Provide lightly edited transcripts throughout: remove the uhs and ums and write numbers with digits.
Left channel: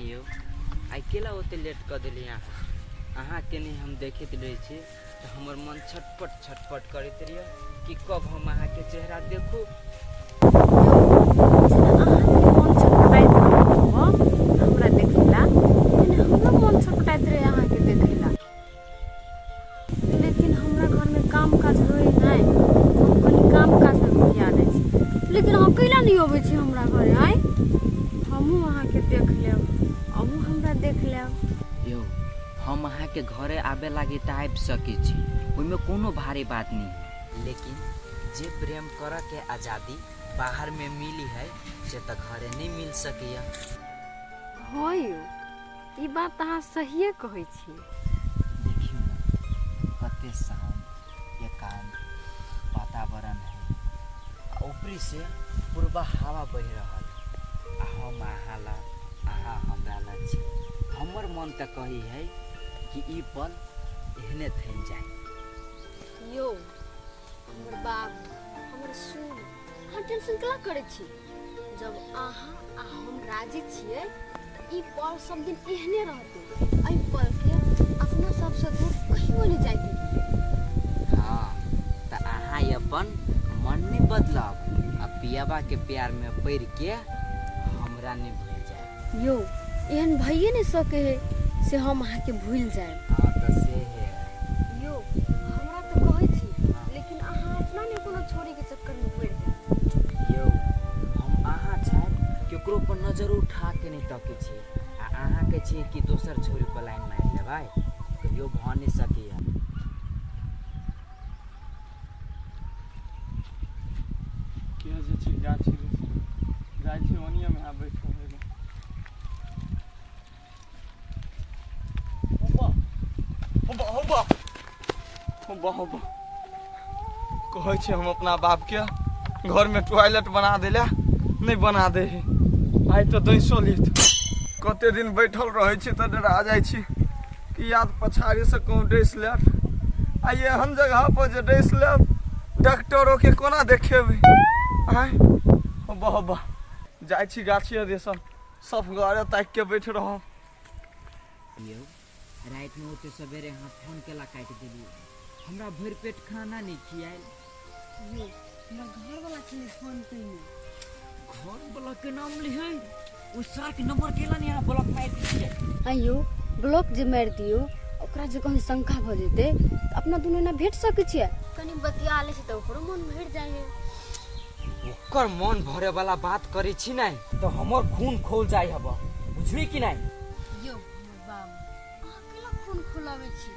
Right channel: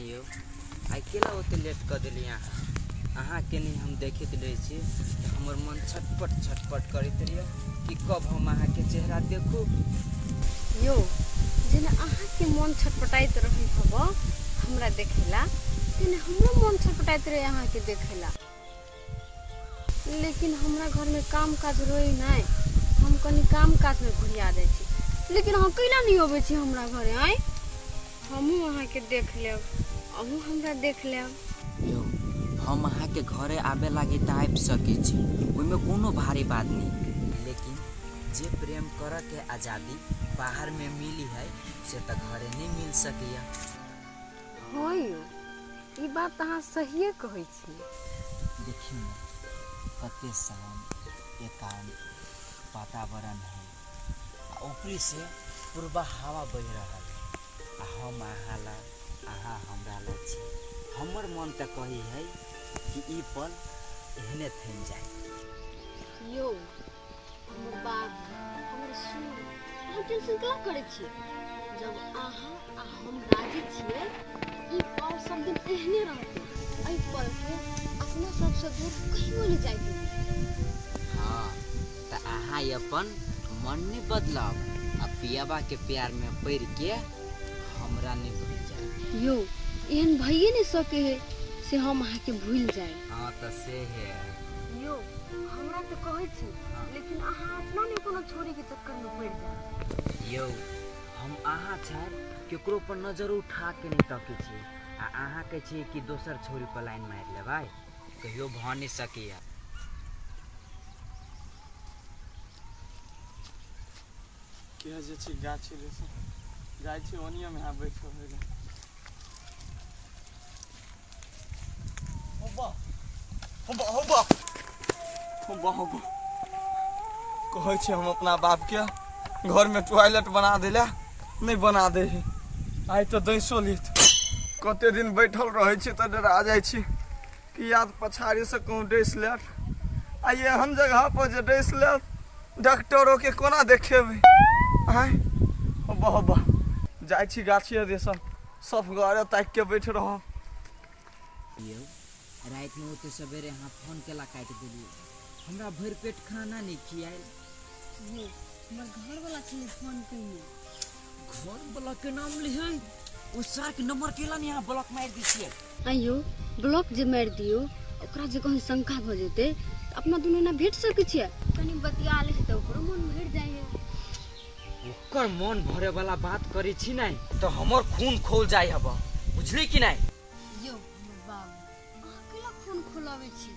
यो आई केला ओते लेट कर दिली अहाँ के नहीं हम देखते रहे छी तो हमर मन छटपट छटपट करते रहिए कि कब हम अहाँ के चेहरा देखू। मन छटपटाइत हमरा देखेला हमरा मन छटपटाइत रहे अहाँ के देखेला, लेकिन हमरा घर में काम काज होए नहीं, हम कनी काम काज में बुझा दे छी, लेकिन हम कैला नहीं होवे छी हमरा घरे आइ हमहू अहाँ के देख लेब अहू हमरा देख लेब। यो हम अहाँ के घरे आबे लागी त आबि सकै छी, ओइमे कोनो भारी बात नहीं, लेकिन जे प्रेम कर के आजादी बाहर में मिली है से त घरे नहीं मिल सकैया। हाँ यो ई बात अहाँ सहिए कहै छी। देखियो न कते शांत एकांत वातावरण है, ऊपरी से पूर्वा हवा बह रहल आ हम अहाँ हमरा ला छी। हमर मन त कही है कि ई पल एहने थम जाए। यो हमर बाबू हमर सुन अहाँ टेंशन कला करे छी, जब अहाँ आ हम राजी छिए ई पल सब दिन एहने रहते, एहि पल के अपना सबसे दूर कहियो नहीं जाए। हाँ त अहाँ अपन मन नहीं बदलब आ पियाबा के प्यार में पड़ के हमरा नहीं भूल जाए। यो एहन भइए नहीं सके है से हम अहाँ के भूल जाए। हाँ त से है यो हमरा तो कहै छी, लेकिन अहाँ अपना ने कोनो छोरी के चक्कर में पड़ जाए। यो हम अहाँ छाप केकरो पर नजर उठा के नहीं तकै छी आ अहाँ के छी कि दोसर छोरी पर लाइन मार लेबै, कहियो भ नहीं सकैया। के जे छी गाछी रे जाइ छी ओनिया में आ बैठ के रे होबा कहै छी हम अपना बाप के घर में टॉयलेट बना देला नहीं बना दे है, आई तो दैसो लेत कते दिन बैठल रहे छी त डरा जाइ छी कि याद पछाड़ी से कहूँ डैस लेट आ एहन जगह पर जे डैस लेट डॉक्टरों के कोना देखेबै। आय होबा जाइ छी गाछी देसन सब घरे ताक के बैठ रह। यो रात में ओते सवेरे अहाँ फोन केला काट देलिए, हमरा भर पेट खाना नहीं खियाल। यो हमर घर वाला छले फोन कइने, घर वाला के नाम लिहै ओ सार के नंबर केला नहीं अहाँ ब्लॉक मार दीजिए। आइयो ब्लॉक जे मार दियो ओकरा जे कहीं शंका भ जेते त अपना दुनू ना भेट सकै छियै, कनी बतिया ले से त ओकरो मन भर जाए। ओकर मन भरे वाला बात करी छी नहीं तो हमर खून खोल जाय हब, बुझली कि नहीं। यो हमर बाबू अहाँ केला खून खोलावे छी,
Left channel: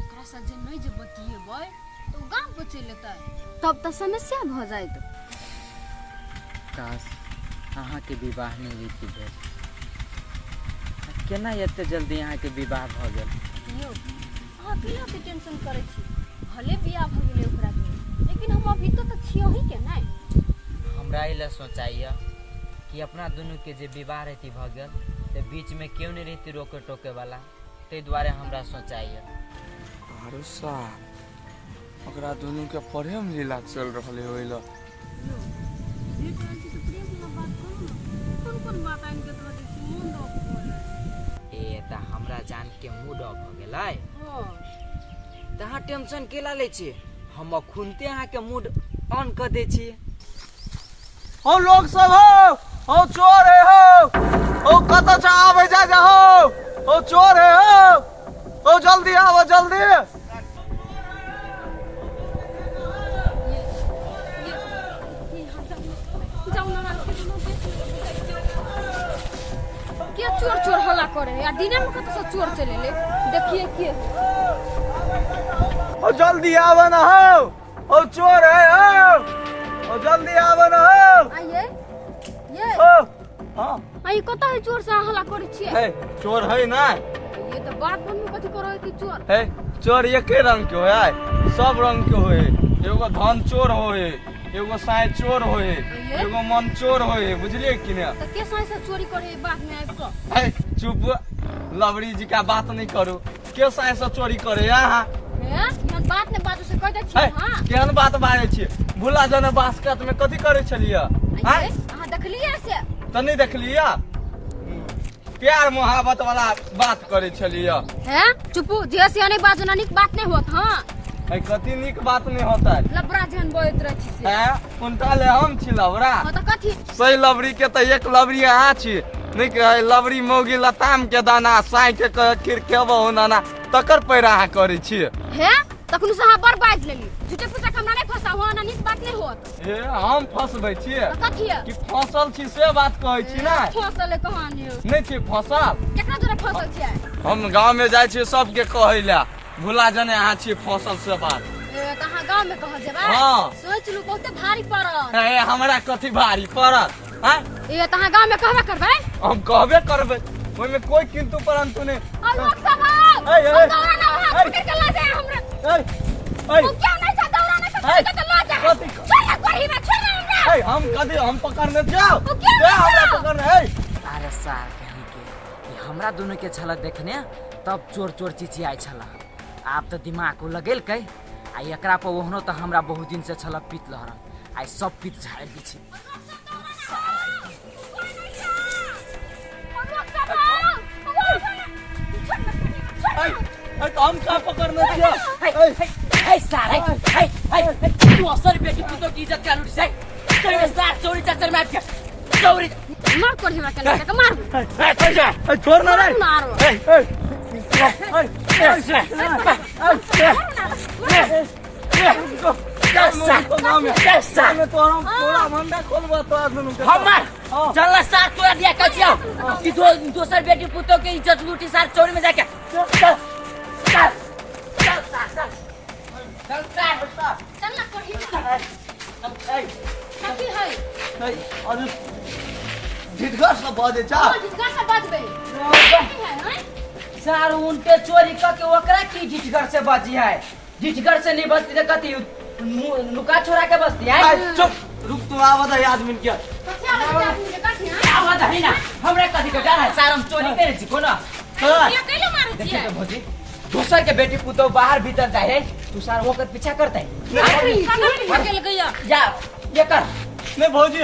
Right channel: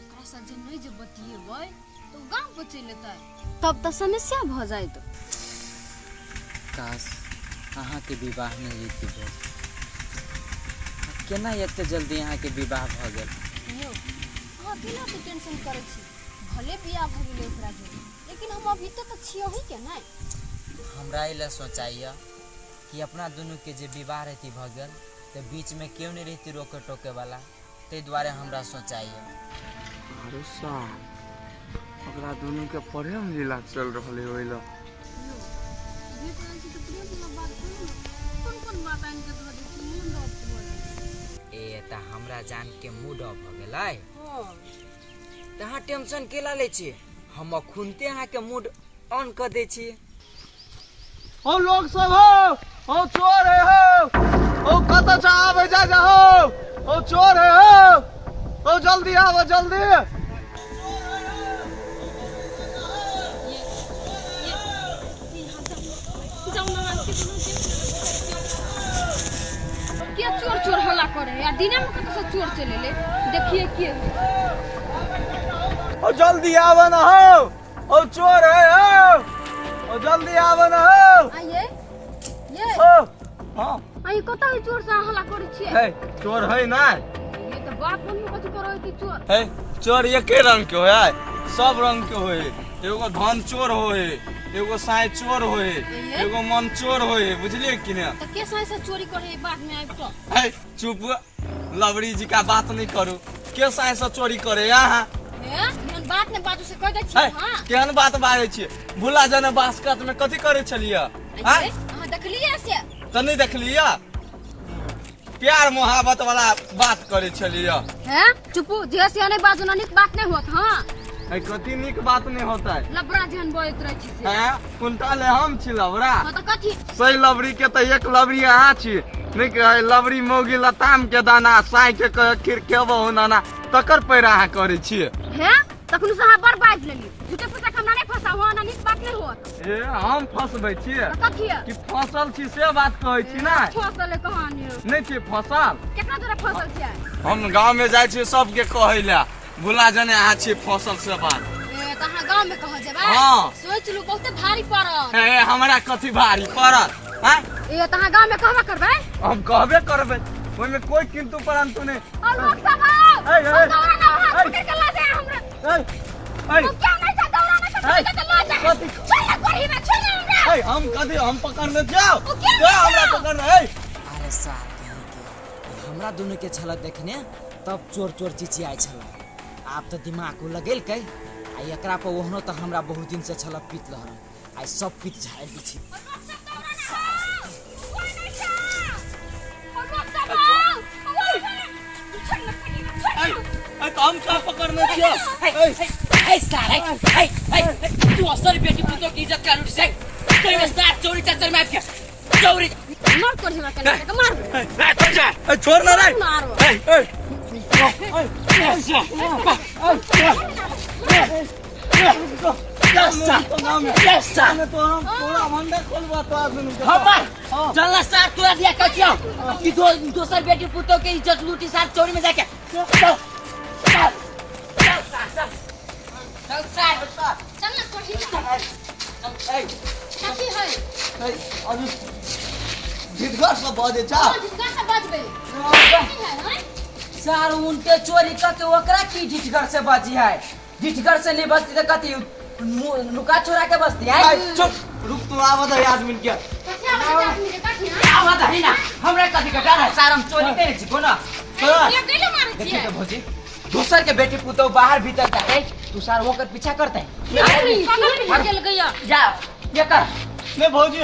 ओकरा से जे नहीं जे बतिएबै तो गांव पर चल लेतै तब त समस्या भ जाइत। काश अहाँ के विवाह नहीं रीति भेल, केना एते जल्दी अहाँ के विवाह भ गेल। यो अहाँ केला के टेंशन करे छी, भले बियाह भ गेलै ओकरा जे, लेकिन हम अभी तो छियै ही के नहीं। हमरा इला सोचाइए कि अपना दोनों के जे विवाह रहती भ गेल ते बीच में क्यों नहीं रहती रोके टोके वाला, ते द्वारे हमरा सोचाइए। अरे साहब ओकरा दुनू के प्रेम लीला चल रहले होइला। यो भेट रहल छी त प्रेम वाला बात करू ना, कोन बात आइन के धऽ दै छी मोन ऑफ भ जाए। ए त हमरा जान के मूड ऑफ हो गेलै। हां त अहाँ टेंशन केला ले छी, हम खुनते अहाँ के मूड ऑन कर दे छी। हो लोग सब हो चोर है हो कत से आवे जा हो चोर है हो जल्दी आओ जल्दी। क्या चोर चोर हल्ला करे या दिना में कत से चोर चले ले, देखिए के है। हो जल्दी आओ ना हो चोर है हो जल्दी आओ ना हो। आइए ये हो हां आई कत है चोर से हल्ला करे छिए। है चोर है ना, ये तो बात मन में कथि करे कि चोर है चोर एके रंग के होय, सब रंग के होय, एगो धन चोर होय, एगो साई चोर होय, एगो मन चोर होय, बुझलिए कि नहीं। तो के साई से चोरी करे बाद में आइब तो है चुप लवड़ी जी का बात नहीं करो, के साई से चोरी करे यहाँ है मन बात ने बाजू से कह दे छी। हां केहन बात बाजै छी, भूला जने बास्केट में कथि करे छलिए आइए हां देखलिए से त नहीं देखलिए। प्यार मोहब्बत वाला बात करे छलिए। हैं चुपू जे से नहीं बाजना निक बात नहीं होत हां है कथी निक बात नहीं होता है। लबरा जहन बोइत रह छी से हैं कुंटा ले हम छी लवरा। हां त कथी सही लवरी के त एक लवरी अहाँ छी नहीं कहे लवरी मौगी लताम के दाना साइ के खीर खेबो हो नाना तकर पैर अहाँ करे छी। हैं तखनु से हां बर्बाद लेली झूठे पूछा हमरा नहीं फसा हो ना निक बात नहीं होत। ए हम फसबै छी त कथी है कि फसल छी से बात कहै छी ना। फसल कहानी नहीं छी फसल केतना जोरा फसल छियै। हम गांव में जाय छी सबके कहै ला भुला जने अहाँ छी फसल से बात। ए त हां गांव में कह जेबा हां सोच लू बहुते भारी पड़त। ए हमरा कथी भारी पड़त हैं ए त हां गांव में कहबा करबै हम कहबे करबै ओइ में कोई किंतु परंतु नहीं। आ लोग सब ए, ए, दौड़ा ना हाथ ए, पकड़ के ला जाए हमरा ए वो क्या नहीं था दौड़ा ना ए, पकड़ के ला जाए कथी चल ना करही में छोड़ हमरा ए हम कथी हम पकड़ने जाओ वो क्या ए हमरा जाओ? पकड़ने ए अरे सार कहीं के ई हमरा दोनों के छलक देखने तब चोर चोर चिचियाई छल। आब तो दिमाग को लगेल कै आ एकरा पर ओहनो तो हमरा बहुत दिन से छलक पीत लहरन आई सब पीत झाड़ दी छी। ए तो हम का पकड़ने छियो हे सार हे तू असर बेटी पुतो की इज्जत का लूट से कोई में सार चोरी चचर मार के चोरी मार कर हमरा कने के मार ए कैसे ए छोड़ ना रे मारो ए जल्ला सार तोरा दिया कचियो कि दोसर बेटी पुतो के इज्जत लूटी सार चोरी में जाके चल चल ना करही कथी है जिदगर से बजे जा जिसका से बचबे कथी है हैं सार उनके चोरी करके ओकरा की जिठगर से बची है। जिठगर से नहीं बचती तो कथी नुका छोरा के बचती है। चुप रुक तू आवत है आदमी के कथी आदमी के कथी है आवाज है ना हमरा कथी का डर है सार हम चोरी करे छी को ना ये कैले मारे देखिए छियै तो भौजी दूसर के बेटी पुतो बाहर भीतर का है तू सार होकर पीछा करता है निकल गया जा ये कर नहीं भौजी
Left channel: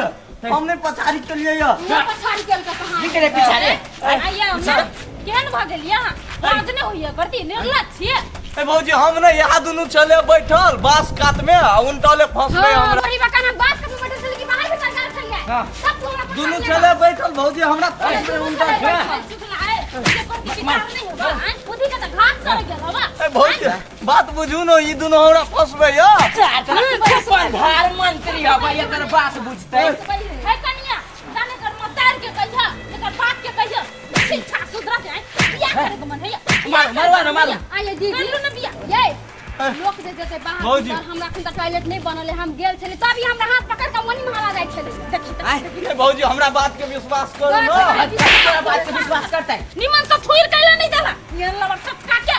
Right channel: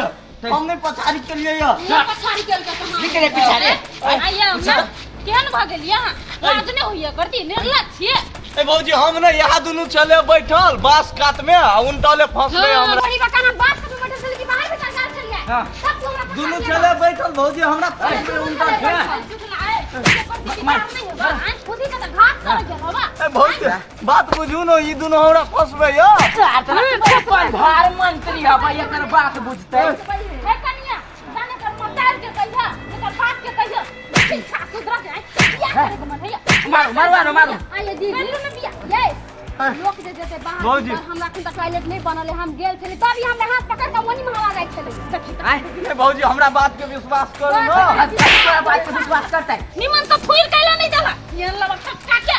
हमने पछाड़ी के लिए या ये पछाड़ी केल का कहां निकले पीछा रे आइया हम केहन भ गेलिया लाज नहीं होइया करती निर्लज छियै। ए भौजी हम ने यहाँ दुनू चले बैठल बास कात में आ उनटले फंस गए हमरा बड़ी बकाना बात के बैठे से की बाहर भी सरकार चल गया हां सब तू हमरा दुनू चले बैठल भौजी हमरा फंस गए उनटा ए भौजी बात बुझू न ई दुनू हमरा फंसबे या भार मंत्री है भाई एकर बात बुझते है कनिया जाने कर मतार के कहिया एकर बात के कहिया शिक्षा सुधरा जाए बियाह करे के मन है मारो आइए दीदी ने बियाह ये लोग जे जते बाहर हमरा अखन तक टॉयलेट नहीं बनल है हम गेल छली तभी हमरा हाथ पकड़ के मनी महारा जाय छले देखी ए भौजी हमरा बात के विश्वास करू न तेरा बात पे विश्वास करता है निमन से फुइर कैला नहीं देला ये लबक सब काके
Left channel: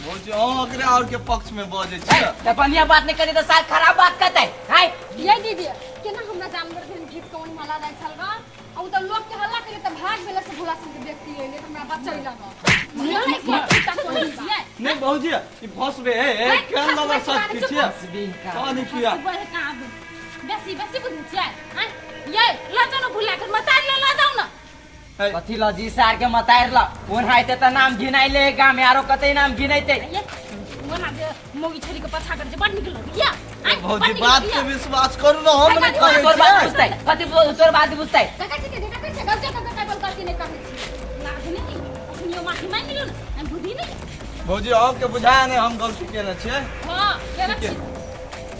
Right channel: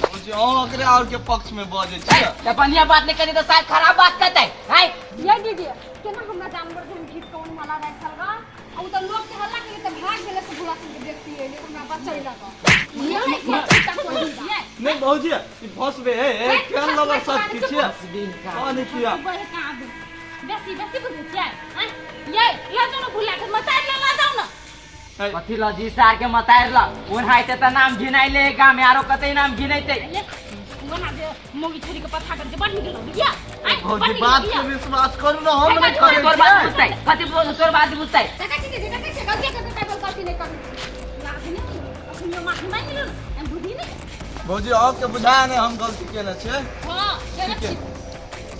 भौजी हम ओकरे और के पक्ष में बजे छी तो बढ़िया बात नहीं करी तो शायद खराब बात करता है ये दीदी केना हमरा जानवर जन गीत कौन मला जाय छलगा आ त लोग के हल्ला करे त भाग गेले से भूला सन के व्यक्ति एले हमरा बचै लगा ये नहीं के तक कोई दिए नहीं भौजी ई फंसबे ए केन लबर सब किछ हां नहीं किया बेसी बुझे छियै हैं ये ला जानो भूला के मत ला जाओ ना कथी लजी सार के मतायर ल ओन हाइते त नाम गिनाइले गाम में आरो कतै नाम गिनाइते ये मोना जे मोगी छोरी के पछा कर जे बड़ निकल बिया भौजी बात के विश्वास करू न हम नहीं करे छी कथी बोल तोर बात बुझतै काका जी के कैसे गलती करके बोल करती नहीं करनी लाज नहीं अपनी माफी मांग लियो ना हम बुद्धि नहीं भौजी और के बुझाया नहीं हम गलती केने छियै हां केना छी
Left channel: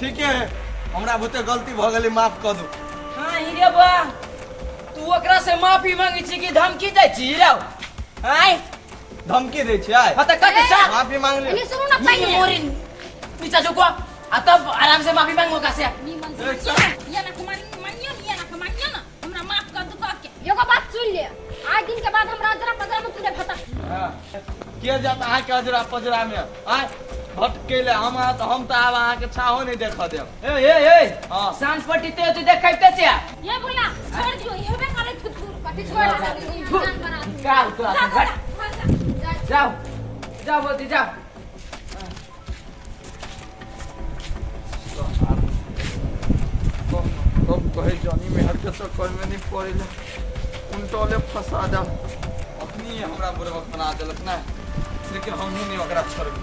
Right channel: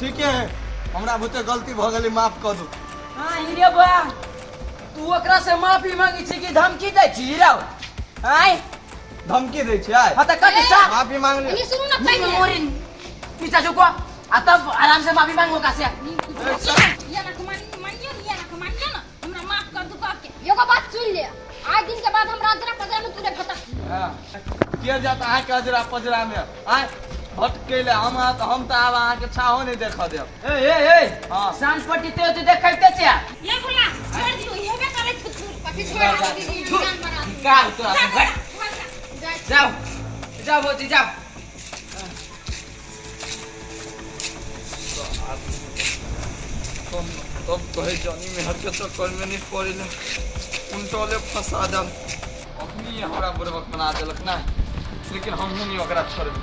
ठीक है हमरा बुते गलती भ गेली माफ कर दू हां हिरे बा तू ओकरा से माफी मांगी छी कि धमकी दै छी हिरो आय धमकी दै छियै हां त कथी सा माफी मांग ले नहीं सुनो ना पहले मोरिन पीछा झुको आ तब आराम से माफी मांगो का से ये ना मानियो ये ना मानियो ना हमरा माफ कर दू कह के एगो बात सुन ले आज दिन के बाद हम राजरा पजरा में तुझे भटक हां किया जाता अहाँ के अजरा पजरा में आय भटकेले हम त आब अहाँ के छाहो नहीं देख देब ए हां सांझ पट्टी तो तू देखैते छे ये बोला छोड़ दियो हेबे करे कथि छोड़ दीदी जान बना का तो घट जाओ बोती जाओ तब कहे जानी में हर के चक्कर में नहीं पड़े उनटले फंसा दम हमरा बुड़बक बना देलक नहीं, लेकिन हम नहीं ओकरा छोड़बै।